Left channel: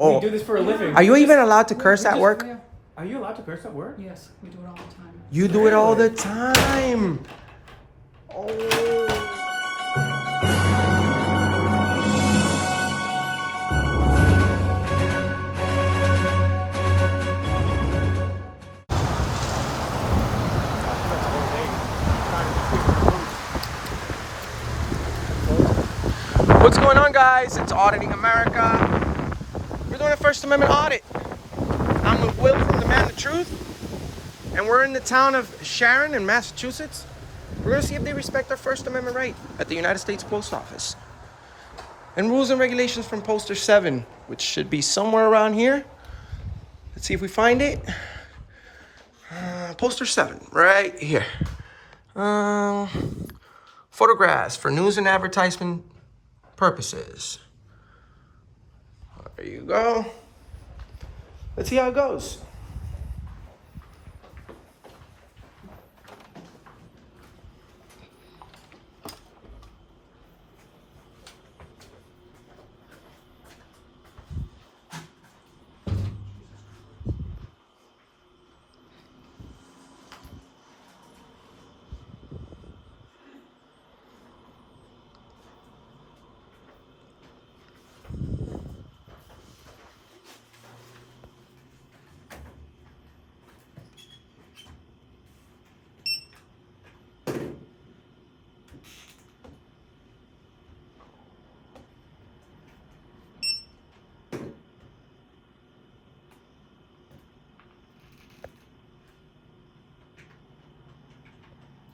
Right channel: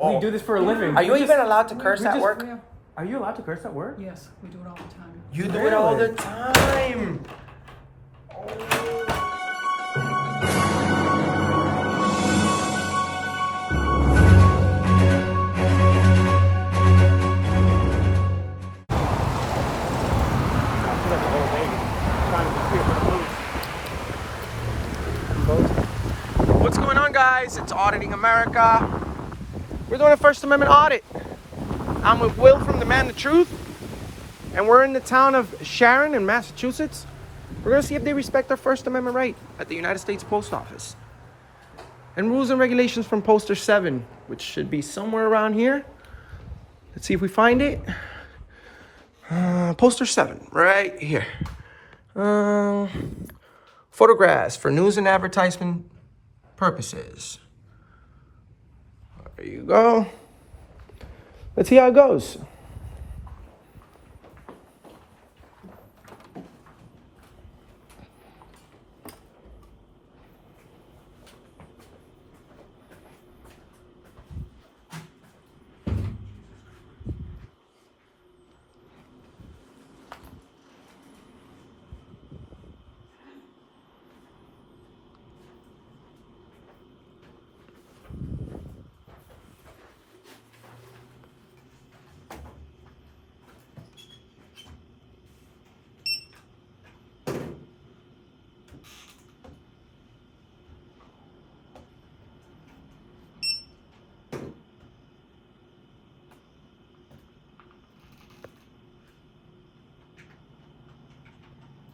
We do this for a living. Are you even allowed to curse at work? Are you allowed to curse at work? Yes, we do it all the time. You do it all the time. What's going on, guys? It's Auditing America. We're doing a First Amendment audit. I'm with Will from The Man the Truth, and we're in the town of Sharon in Massachusetts. We're gonna see if they respect their First Amendment right at the United States Post Office. And rules and regulations from Poster 7, which should be somewhere around here. Let's see if we find it. Poster 7, right here. Photographs for news and advertisement purposes. There you go. Let's see how it goes.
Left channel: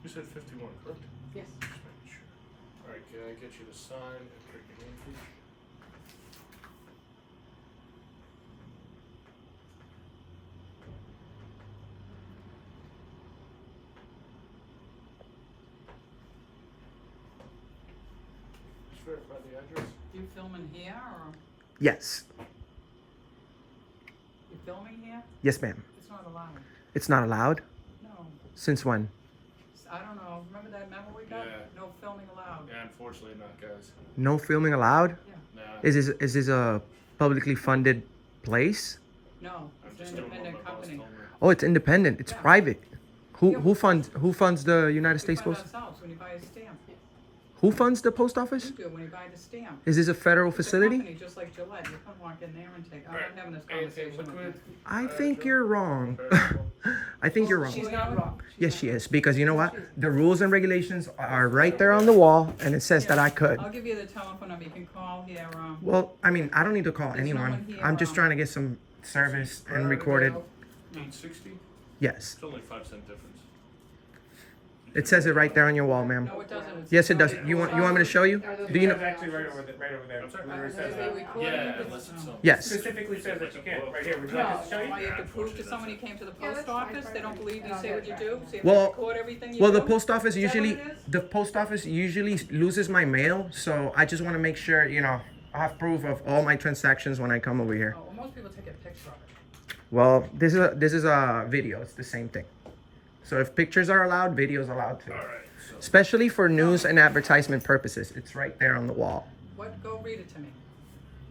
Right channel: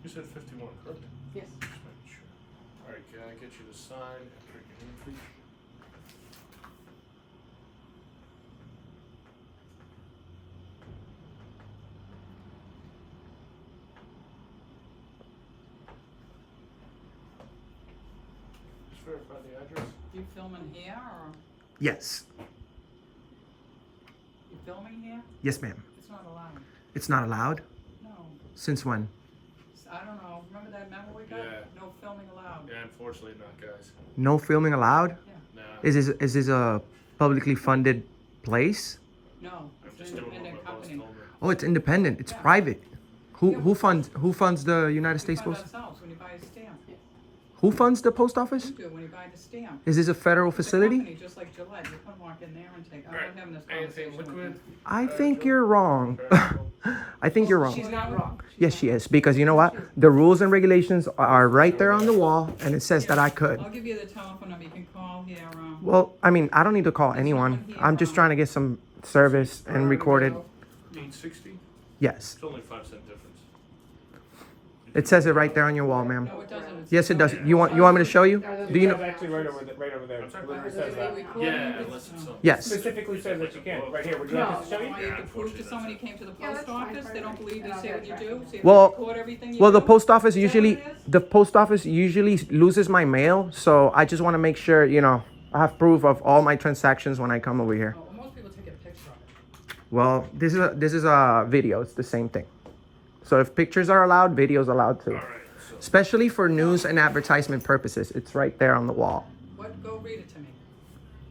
You said 51, correct? Yes. Just making sure. All right, can I get you to sign and print your name, please? Just verify the address. You filming here or Yes. you filming here? Yes, ma'am. It's not allowed. It's not allowed? No. Since when? I don't know. Remember that memo we got? Yeah. No filming allowed. Yeah, unfortunately not, guys. No filming allowed? Yeah. Nah. Is this a publicly funded place? No. I'm It's just an doing what independent my boss company. told me. Oh, it's independent. It's Yeah. private. Who funds the United We States fund Post? ourselves when you buy a stamp. Who funds the post office? You do when you buy the stamp. Is this a federal It's a facility? company just like Gillette. You can walk in there and take. I'm not having this Anything conversation with liquid? you. I think you're wrong. I think you're wrong. She's not wrong. Yes, she is. Because you know what? The rules and regulations are right there on the wall, and it says that I could. I'll give you the telephone number. You can call here. Well, I mean, I don't need to call There's anyone. no one here, I'm just trying to get some service and recorded. 860? Yes. It's only 5-cent difference. It says it right there on your wall, ma'am. No, it doesn't. It's Yes, it does. You want me to show you? Do you know? Actually, right over there. I'm sorry? They record Yeah, you? unless it's something. Yes. Specifically says that you can't. Right here. Would you No, like us to show you? all you have to prove to somebody who came to the post office, they don't believe you say what you do, so you have to Well, record everything you do. Well, the post office Is that what usually it is? the post office usually loses my mail, so I just want to make sure, you know, I have proof of all my transactions when I come over here. Oh, well, most people take a picture of it. Well, this is a video. It's the same thing. So if pictures are allowed, videos allowed too. All right, so Especially for news and advertisement purposes. It's right there on the wall. What, go read it to me.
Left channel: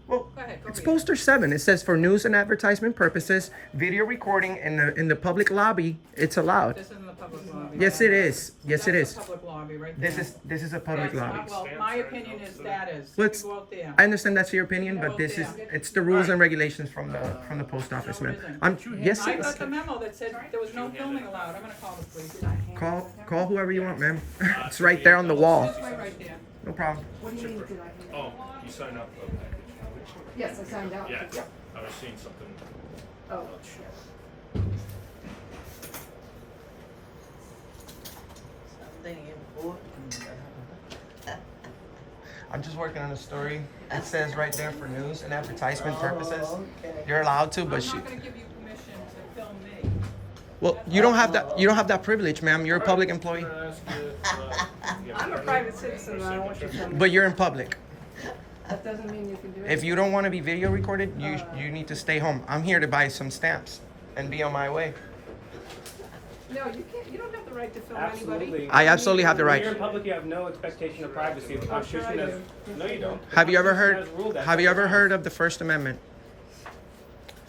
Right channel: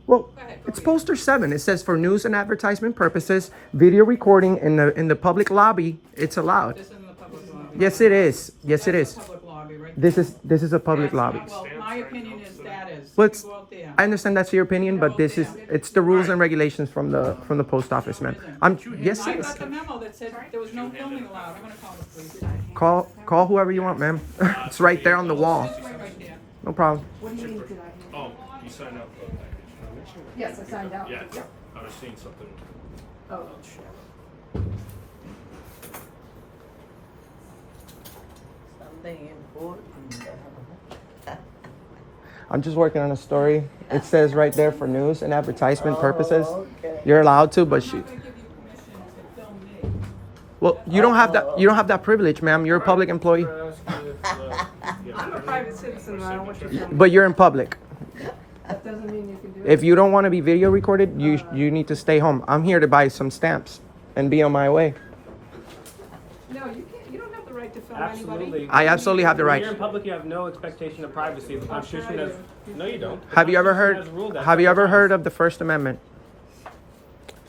Well, Go ahead, go it's read it. poster 7. It says for news and advertisement purposes, video recording in the public lobby, it's allowed. This isn't the public lobby. Yes, it is. Yes, it That's is. the public lobby right This there. is a public That's lobby. not- Well, my opinion is that is. Well, You it's- go out there. I understand that's your opinion, but this is it's the rules and regulations from the post office, No, ma'am. it isn't. I'm yes, I it got is. the memo that said there was no filming allowed. I'm gonna call the police. Call whoever you want, ma'am. It's right there on the wall. This way right there. No problem. What do you mean, did I? Oh, you signed up for a package. Yes, I signed out. Yeah, I was seeing something. Oh. I'm just working on a story. It says right there for news and advertisement purposes. You're allowed to, but I'm not gonna give you permission to film me. well, you don't have that. You don't have that privilege, ma'am. You're a public employee, I'm a private citizen, and I don't want you to film me. but you're in public. That doesn't mean you can do it. If you don't want to be video recorded, you need to stay home. I'm here to buy some stamps and be on my way. No, you can't, you don't have the right to film anybody. Absolutely. I absolutely have the When you're right. in public, you have no expectation of privacy. The Constitution I does. No, you don't. The Have you ever Constitution heard? doesn't rule that. Have you ever heard of the First Amendment?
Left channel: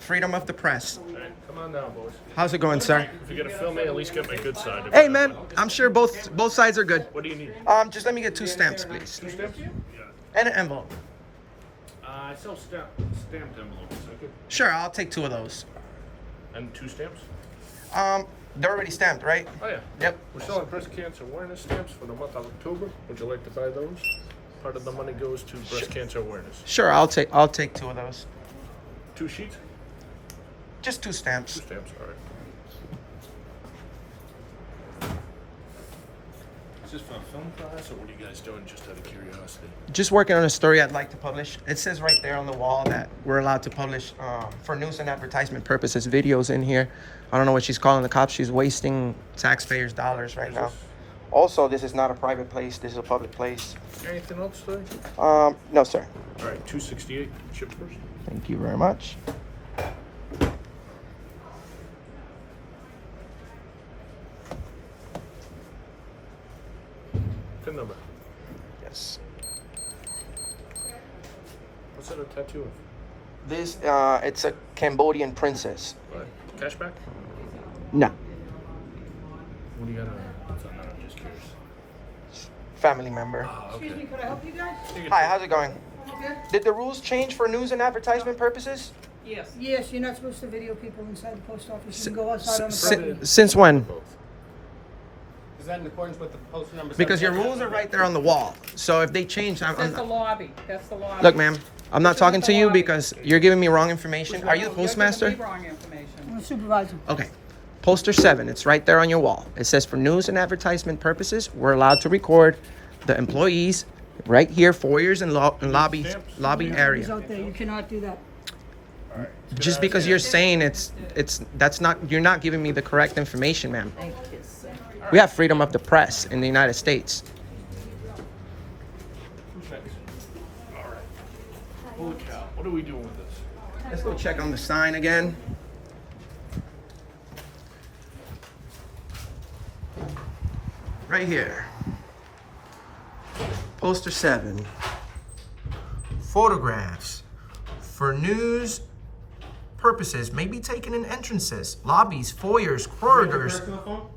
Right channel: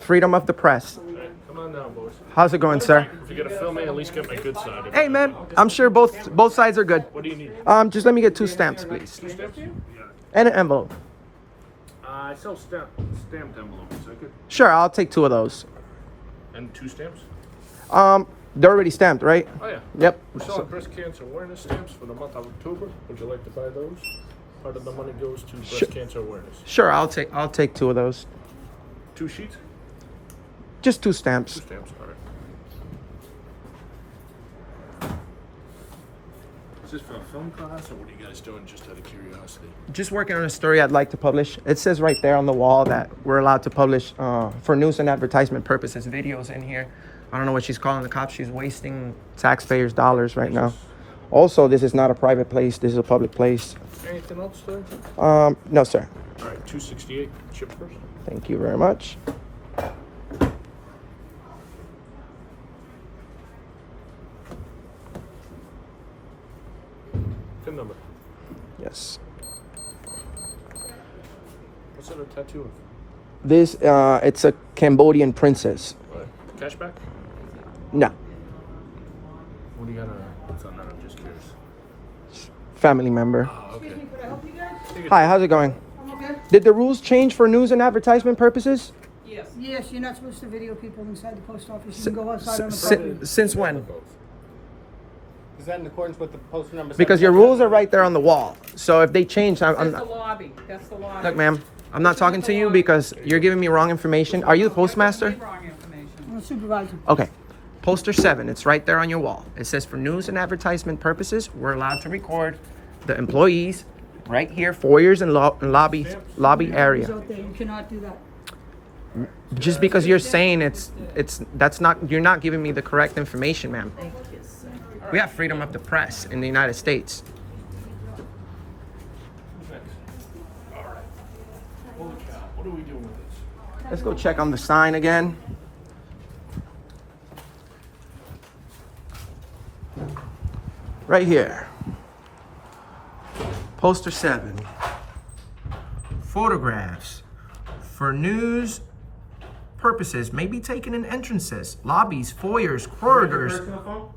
freedom of the press. All right, come on now, boys. How's it going, sir? If you're gonna film me, at least get my good side. Hey, man, I'm sure both sides are good. What do you need? Just let me get 2 stamps, please. 2 stamps? Yeah. And an envelope. I sell stamped envelopes. I could. Sure, I'll take 2 of those. And 2 stamps? They're already stamped, right? Oh yeah. Yep. We're selling breast cancer awareness stamps for the month of October. Would you like to buy those? Part of the money goes to breast cancer awareness. Sure, I'll take 2 of those. 2 sheets? Just 2 stamps. 2 stamps. All right. Is this for a film class, or what are you guys doing? Just out of curiosity. Just working on a story I'd like to publish. It says right there on the wall that we're allowed to publish for news and advertisement purposes videos in here. I don't know what she's calling the cops. She's wasting taxpayers' dollars right now. Also, this is not a private place. This is a public place. Anything else today? No, sir. All right, 268. Ship first. Thank you very much. PIN number. Yes. What's that a tattoo of? This, it's a Cambodian princess. All right. Cashback? No. What do you got? What's on that? I'm just curious. Family member. Okay. Excuse me, could I help you guys? Hi, how's it going? Okay. Did the rules change for news and advertisement purposes? Yes. Yes, you're not supposed to video people inside the post office. You can go S- outside on the si- property. since when? Is that in accordance with the postal number? Because your rules are right there on the wall. So if they change, I'm That's the not. lobby. That's the lobby. Look, ma'am, I'm not talking to you because you're giving me wrong information. Are you the You're giving postmaster? me wrong information. I'm a supervisor. Okay. Poster 7, it's right there on your wall. It says for news and advertisement purposes, we're allowed to record the employees right here, foyers and lobby He's area. out there. You cannot do that. Just because you're saying that's not, you're not giving me the correct information, ma'am. We have freedom of the press in the United States. Who's next? All right. Holy cow. What are we doing with this? Let's go check on the sign again. Right here. Poster 7. Photographs for news purposes may be taken in entrances, lobbies, foyers, corridors. Personal phone?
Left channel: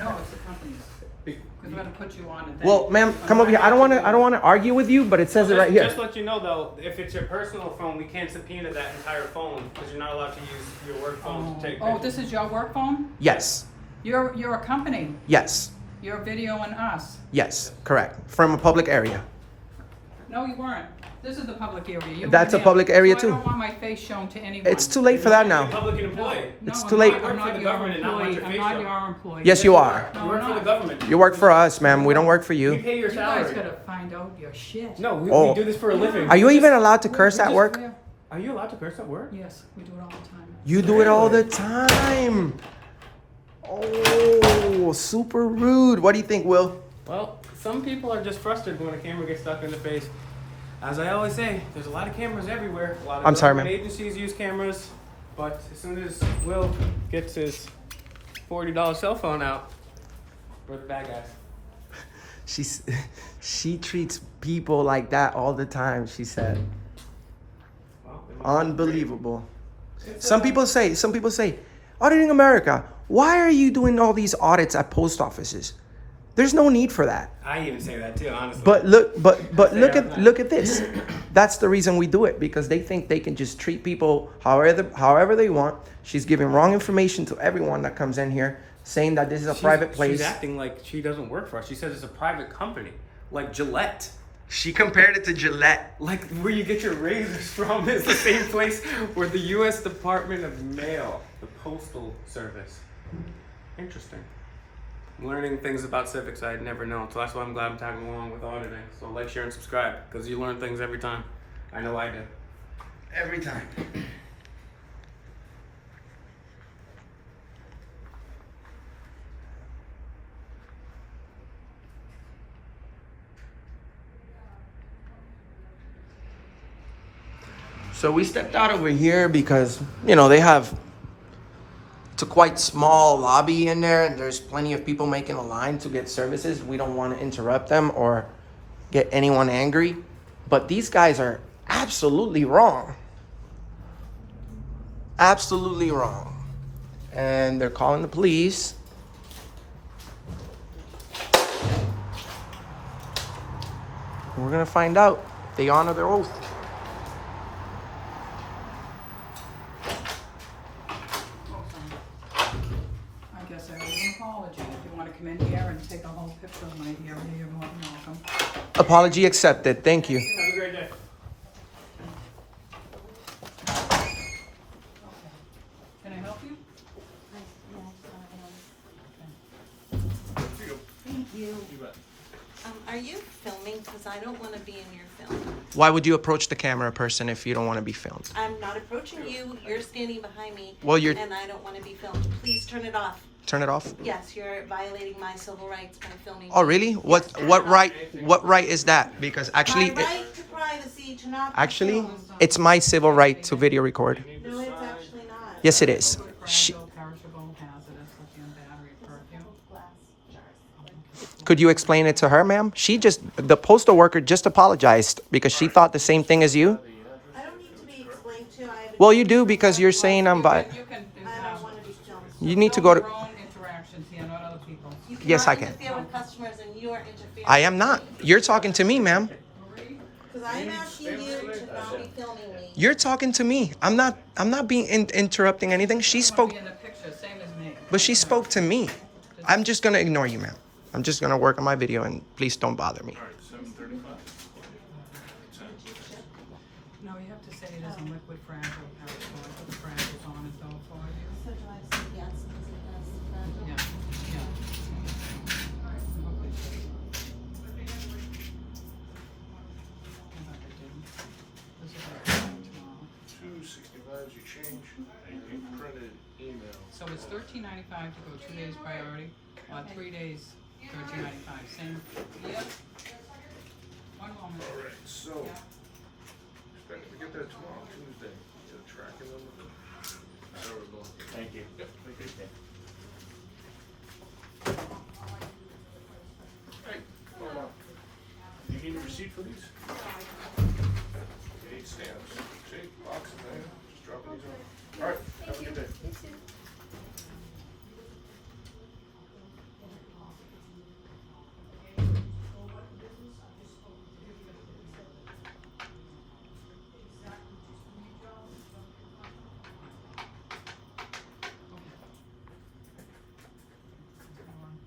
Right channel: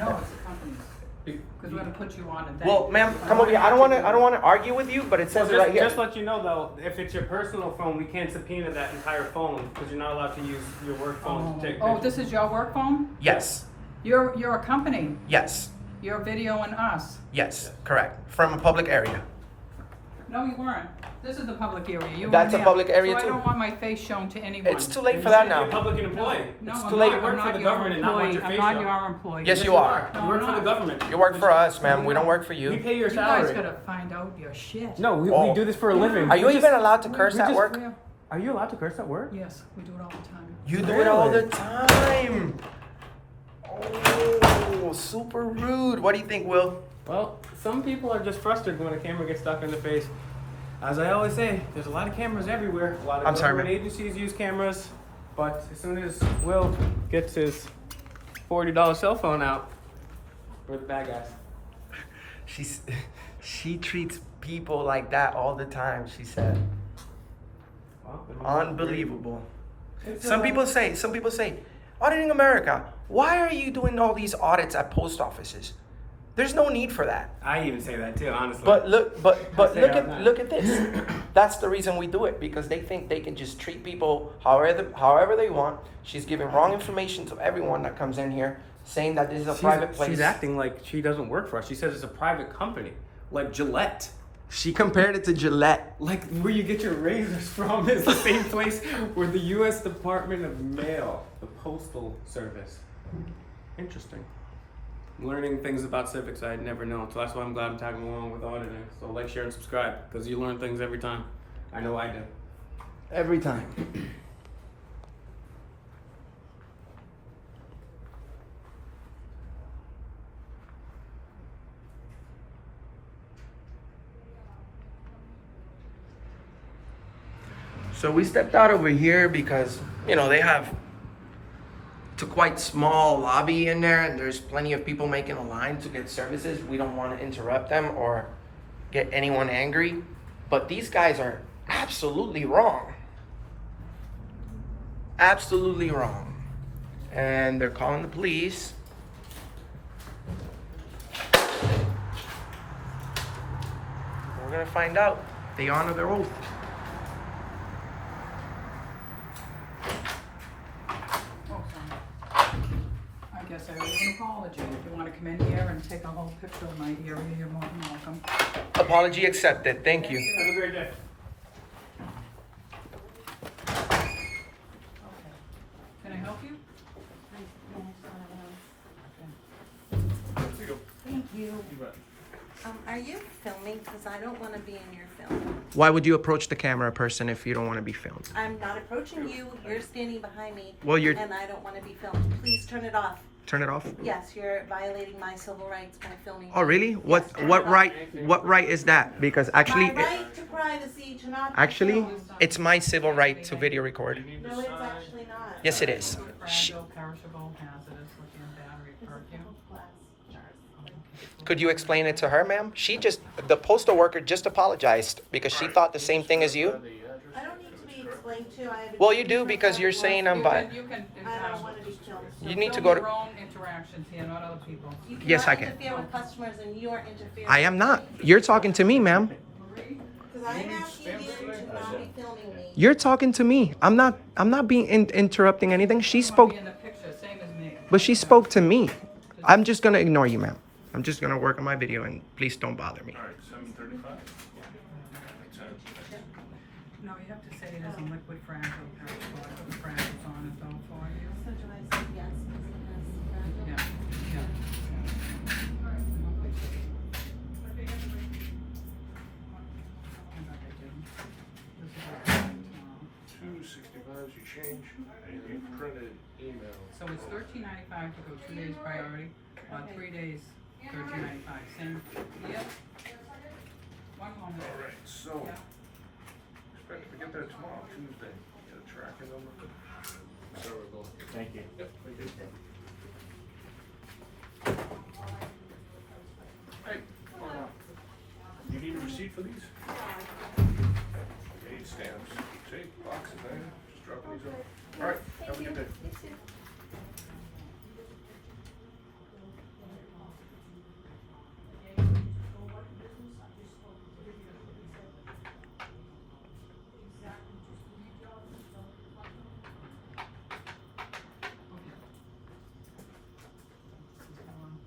No, it's the company's. Because we're gonna put you on and then. Well, ma'am, come over here. I don't want to argue with you, but it says it right here. Just let you know though, if it's your personal phone, we can't subpoena that entire phone because you're not allowed to use your work phone to take Oh, pictures. this is your work phone? Yes. You're a company. Yes. You're videoing us. Yes. Correct. From a public area. No, you weren't. This is the public area. You That's were a there. public area, so too. I don't want my face shown to anyone. It's too late for that You're a now. public employee. No, It's I'm too not. late. I'm You work not for the your government and not want employee. your I'm face not shown. your employee. Yes, you are. You work for the government. You work for us, ma'am. We don't work for We you. pay your You guys salary. gotta find out your shit. No, we Oh. do this for a living. Are you We even just- allowed to curse at just- work? Are you allowed to curse at work? Yes, we do it all the time. You do it all the time. Oh, super rude. What do you think, Will? Well, some people are just frustrated when a camera gets stuck in the face. As I always say, there's a lot of cameras everywhere. A lot of I'm sorry, government man. agencies use cameras, but as soon as Will gets his $40 cell phone out, we're the bad guys. She treats people like that all the time, she said. Well, Unbelievable. Some people say, auditing America, why are you doing all these audits at post offices? There's no need for that. I even say that too, honestly. But look say it all the time. look at this. That's the reason we do it, because they think they can just treat people however they want. She's giving wrong information to everyone that comes in here, saying that this is a private place. She's acting like she doesn't work for us. She says it's a private company, like Gillette. She compared it to Gillette. Like where you get your razors from is the same place where the U.S. Department of Mail, the Postal Service. Interesting. Learning things about civics I had never known, so that's why I'm glad I'm tagging along with auditing. So like, share, and subscribe, because you learn things every time. I know I do. Every time. So we stepped out over here because, you know, they have it's a quite small lobby in there, and there's plenty of people making a line to get services. We don't want to interrupt them or get anyone angry, but these guys are absolutely wrong. Absolutely wrong. And they're calling the police. We're gonna find out. They honor their oath. I guess I owe you an apology. If you want to come in here and take a whole picture of my area, you're more than welcome. Apology accepted. Thank you. Have a great day. Can I help you? Thank you. You bet. Are you filming? Because I don't want to be in your film. Why would you approach the camera person if you don't want to be filmed? I'm not approaching you. You're standing behind me. Well, you're. And I don't want to be filmed. Please turn it off. Turn it off. Yes, you're violating my civil rights by filming. Oh, me. really? Yes, What turn what it off. right? What right is that? Because actually, My right to privacy to not be actually, filmed. it's my civil right to video record. No, it's actually not. Yes, it is. She, Fragile, perishable, hazardous, lithium battery, perfume. Glass jars. could you explain it to her, ma'am? The postal worker just apologized because she thought the same thing as you. I don't need to be explained to. I have Well, you do been because you're saying I'm You bi. can, I don't want to be filmed. You need to film go your to. own interactions here, not other people's. You Yes, I cannot can. interfere with customers, and you are interfering. I am not. You're talking to me, ma'am. Because I am asking you to not be filming me. You're talking to me. I'm not. I'm not being interrupting anything. She spoke, Be in the picture, same as me. but she spoke to me. I'm just gonna ignore you, ma'am. I'm just gonna work on my video, and please don't bother me. All right, 7:35. No, you have to say it is a liquid fragile, perishable. I put the fragiles on it though for you. So do I say yes because it has fragile? Yeah, yeah. Okay, This is our tomorrow. 265 is your change. And you printed email. So it's $13.95 to go 2 days priority, 3 days, $13.95. Same, yeah. One moment. All right, so expect to get there tomorrow, Tuesday. Get a tracker number. There we go. Thank you. Yep. Thank you. Hey, hold on. Do you need a receipt for these? 8 stamps. See, boxes there. Just dropping these off. All right, have a good day.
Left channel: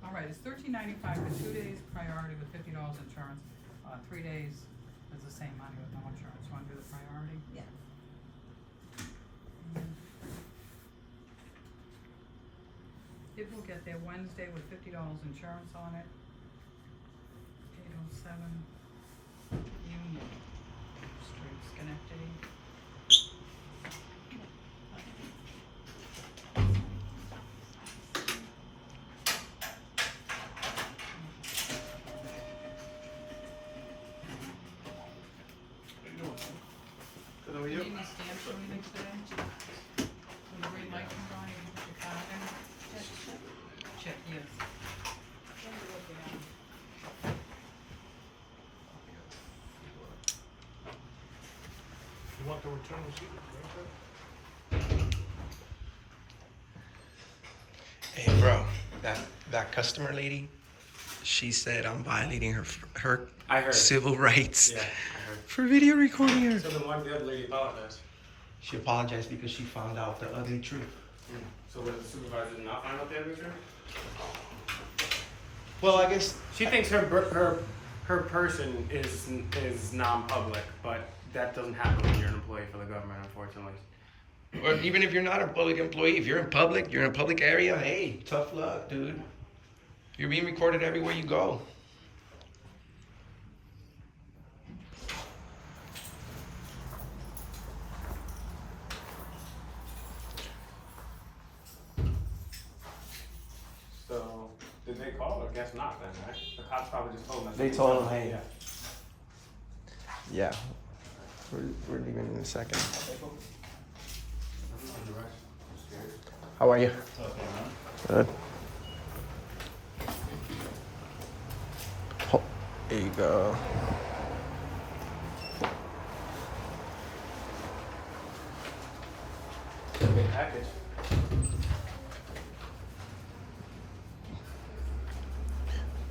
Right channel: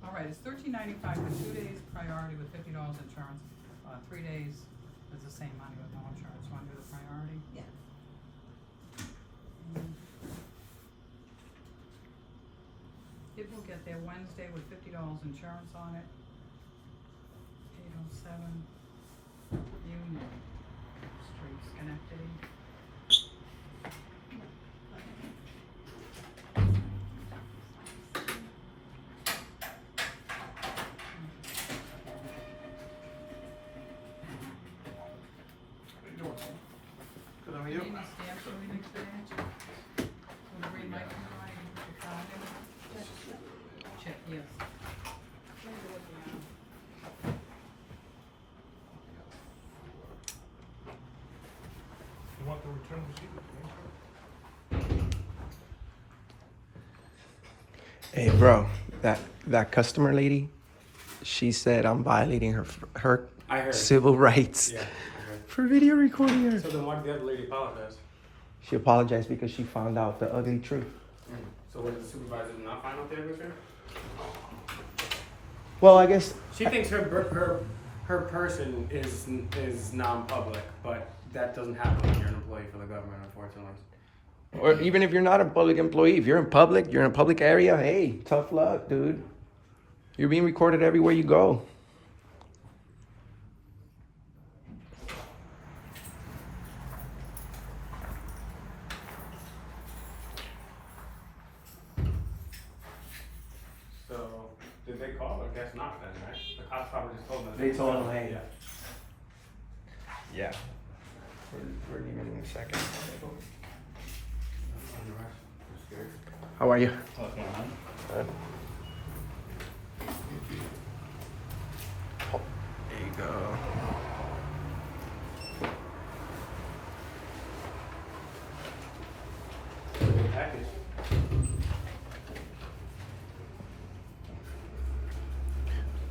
All right, it's $13.95 for 2 days priority with $50 insurance. 3 days is the same money with no insurance. Want to do the priority? Yeah. It will get there Wednesday with $50 insurance on it. 807 Union Street, Schenectady. How you doing? Good, how are You you? need any stamps or anything today? When the green light comes on, you need to sign it? Check, yes. You want the return receipt? Hey, bro, that customer lady, she said I'm violating her I heard. civil rights Yeah, I heard. for video recording her. So then why did the other lady apologize? She apologized because she found out the ugly truth. So what, the supervisor did not find out the other truth? Well, I guess She thinks her person is non-public, but that doesn't happen when you're an employee for the government, unfortunately. or even if you're not a public employee, if you're in public, you're in a public area, hey, tough luck, dude. You're being recorded everywhere you go. So did they call or guess not then, right? The cops probably just told them. They told him, hey. Yeah. We're leaving in a second. How are you? Good. Oh, there you go. Yeah. package.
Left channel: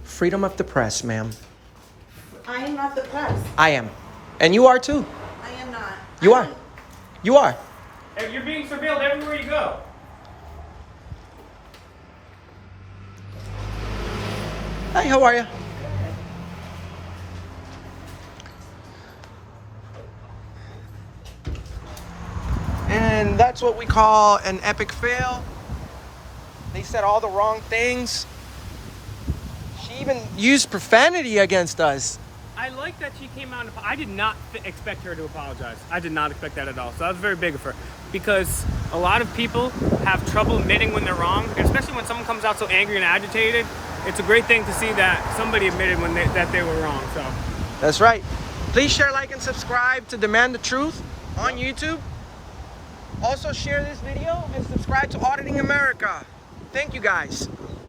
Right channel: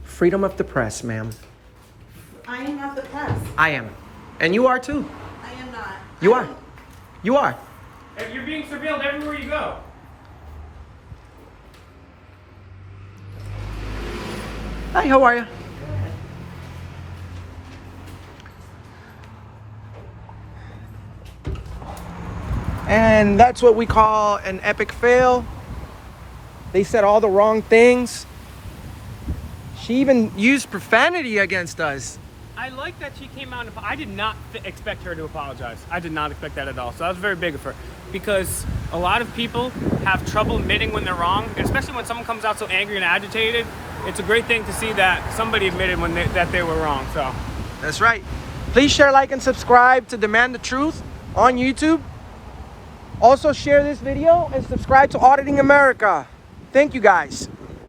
Freedom of the press, ma'am. I am not the press. I am. And you are too. I am not. You are. You are. Hey, you're being surveilled everywhere you go. Hi, how are you? And that's what we call an epic fail. They said all the wrong things. She even used profanity against us. I like that she came out and I did not expect her to apologize. I did not expect that at all. So that was very big of her. Because a lot of people have trouble admitting when they're wrong, especially when someone comes out so angry and agitated. It's a great thing to see that somebody admitted that they were wrong. So That's right. Please share, like, and subscribe to Demand the Truth on YouTube. Also share this video and subscribe to Auditing America. Thank you guys.